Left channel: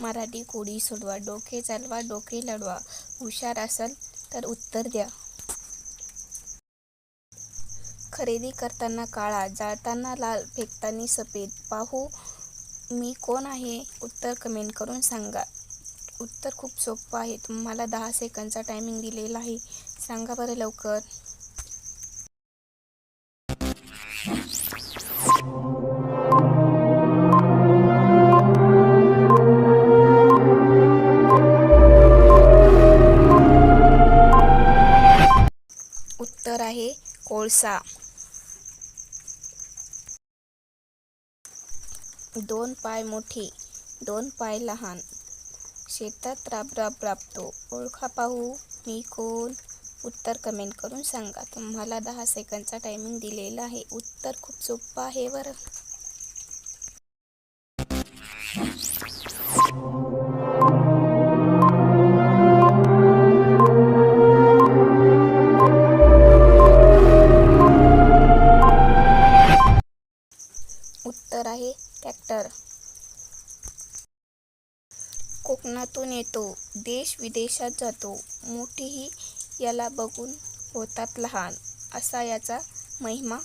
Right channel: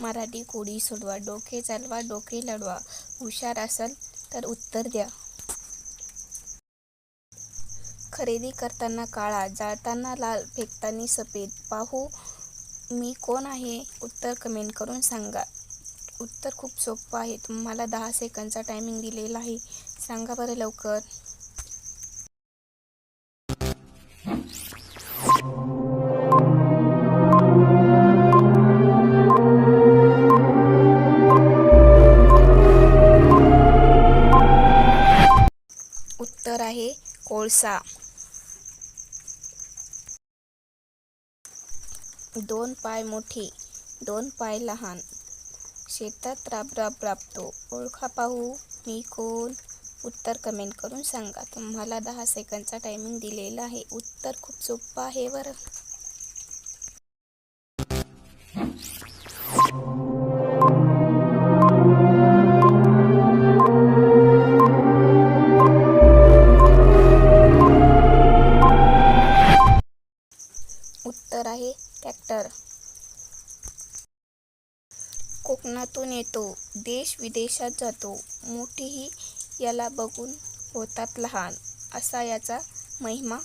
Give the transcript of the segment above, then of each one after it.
मराठी कोडी सोडवा, डोके चालवा डोके लढवा, हुशार असाल तर उत्तर द्या. खरेदी करताना काळा, जाळताना लाल, फेकताना सफेद, पाहू मी कोण आहे? उत्तर कमेंट करून सांगा. उत्तर खूप सोपं आहे. तुम्हाला 10 सेकंदचा टायमिंग दिलेला आहे. सांगा बरं लवकर. उत्तर आहे कोळसा. 2 पाय मोठे, 2 पाय लहान, शेतात राबतो. ओळखा पाहू मी कोण? उत्तर कमेंट करून सांगा. तुम्हाला 10 सेकंदचा टायमिंग दिलेला आहे. उत्तर खूप सोपं आहे बरं. उत्तर आहे ट्रॅक्टर. कोकणातून येतो, देश विदेशात जातो, मोठीही याला बघून होतात लहान, असा याचा महिमा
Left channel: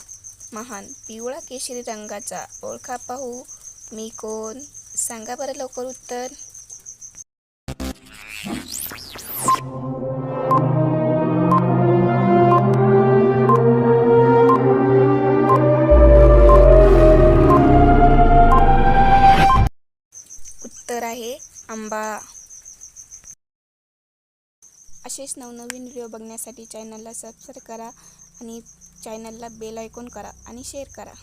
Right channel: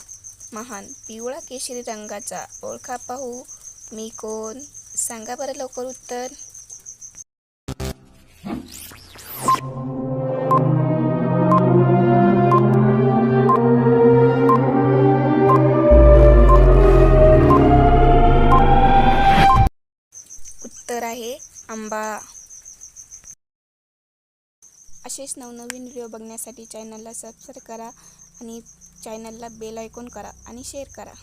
महान. पिवळा केशरी रंगाचा, ओळखा पाहू मी कोण? सांगा बरं लवकर उत्तर. उत्तर आहे आंबा. असेच नवनवीन व्हिडिओ बघण्यासाठी चॅनलला सबस्क्राईब करा आणि चॅनलला बेल आयकॉन करा आणि शेअर करा.